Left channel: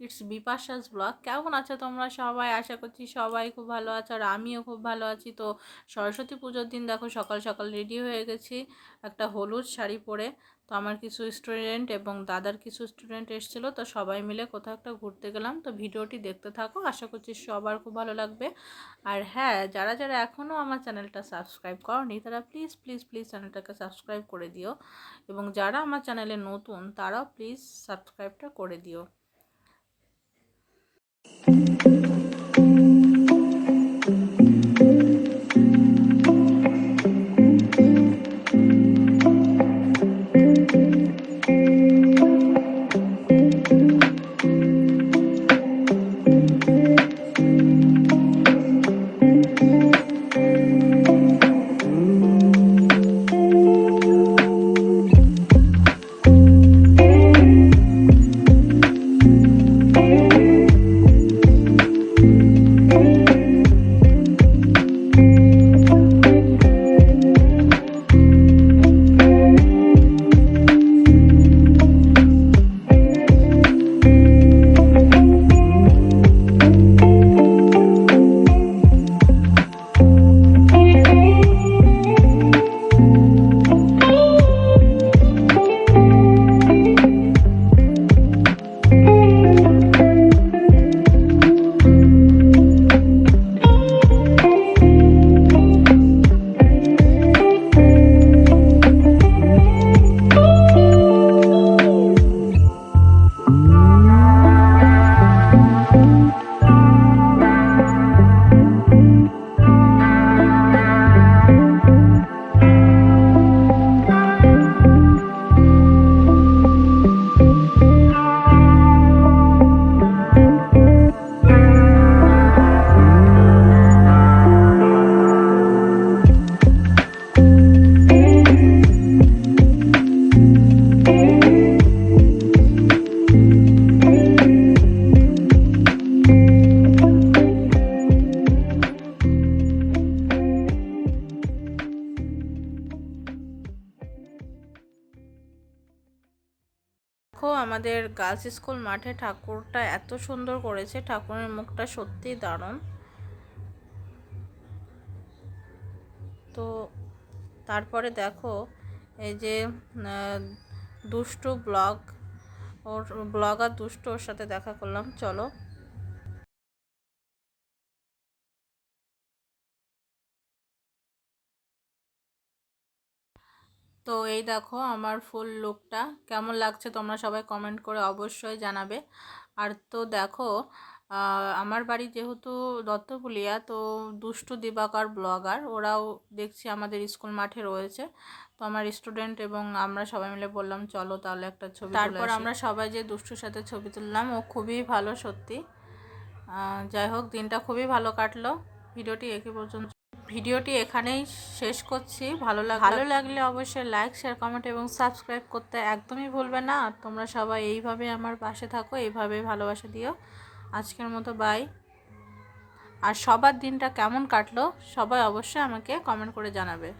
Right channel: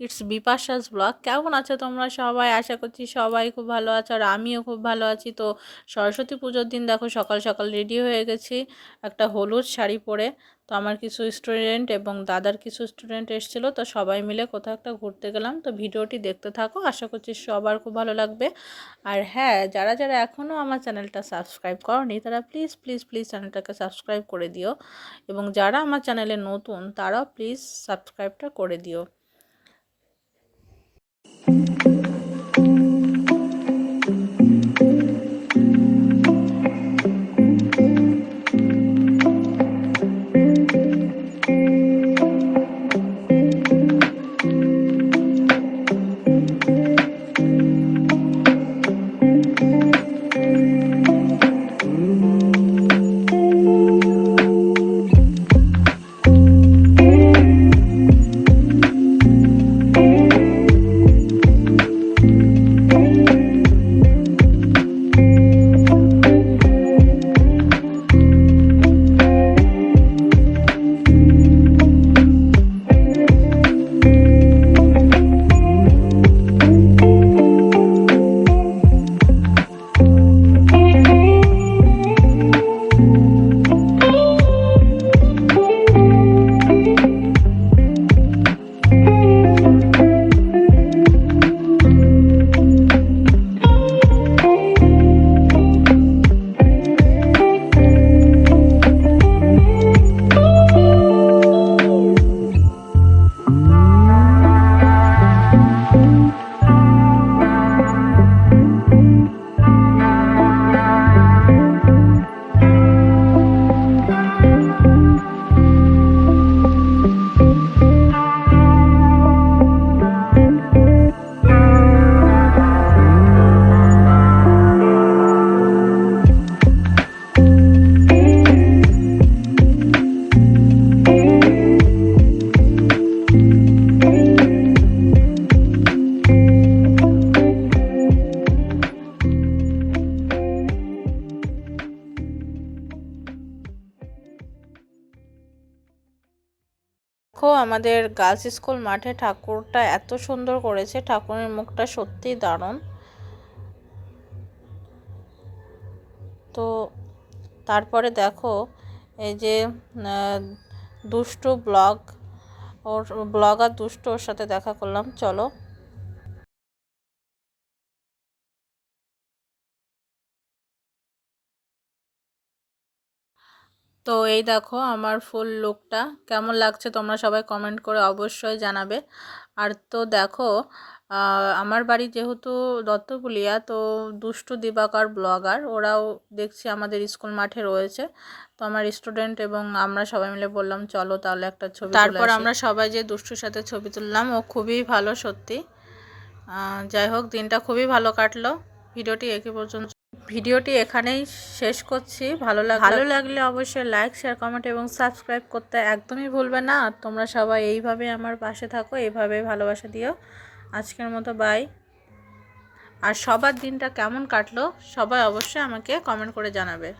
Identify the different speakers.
Speaker 1: it's Bipasha's blog কেমন আছো তোমরা সবাই? আশা করছি সবাই খুব ভালো আছো আর আমিও খুব ভালো আছি। তো সরস্বতী পুজোর দিন দেখো সকাল সকাল রেডি হয়ে গেছি একটা হলুদ শাড়ি পরে। তো আমার কিছু স্টুডেন্ট এবং দাদার কিছু স্টুডেন্ট এসেছিল। তো সবাই মিলে কোথাও একটা ঘুরতে গেলাম। তো ভিডিওটি দেখতে থাকো। আশা করছি সবার খুব ভালো লাগবে। আর হ্যাঁ যারা যারা এখনও আমার চ্যানেলটা সাবস্ক্রাইব করনি, তারা প্লিজ প্লিজ প্লিজ চ্যানেলটাকে সাবস্ক্রাইব করে দিও। এবং যারা আমার চ্যানেলে নতুন, তারাও প্লিজ সাবস্ক্রাইবটা করে দিও। Thank you. দেখো, আমাদের গার্লস স্কুল মাঠে ঠাকুরটা এত সুন্দর করেছে। ঠাকুরের মুখটা সত্যিই দারুণ। তো তারপরে দেখো, এই যে দুষ্টু ব্লগ, ওর ব্লগ আর দুষ্টু ওর সাথে দেখা করলাম। চলো। তো এই দেখো আমার ফুল লুকটা কেমন লাগছে তোমরা সবাই কমেন্ট করে অবশ্যই জানাবে। আর তো দেখো আমার বাড়ি যেহেতু দত্তপুলিয়া তো দুষ্টু দিবাকার ব্লগার ওরাও দেখছি আমাদের স্কুল মাঠে রয়েছে। তো আমার স্টুডেন্ট এবং আমরা সবাই মিলে বললাম চলো তাহলে একটা ছবি তারপর আমরা সবাই যে দুষ্টুর সাথে ছবি তুললাম ও খুবই ভালো সত্যি। যাই হোক দিনটা খুবই ভালো কাটলো। ভিডিওটি একে পর্যন্ত ভিডিওটি এখানেই শেষ করছি। ভালো লাগ ভালো লাগলে অবশ্যই লাইক শেয়ার কমেন্ট এবং সাবস্ক্রাইব করতে একদমই ভুলবে না। তোমরা সবাই এইভাবে আমার পাশে থাকো, এইভাবে ভালোবাসা দিও। আজকের মতো বাই আর সবার দিনটা কেমন কাটলো, সবাই অবশ্যই আমাকে কমেন্ট করে জানাবে।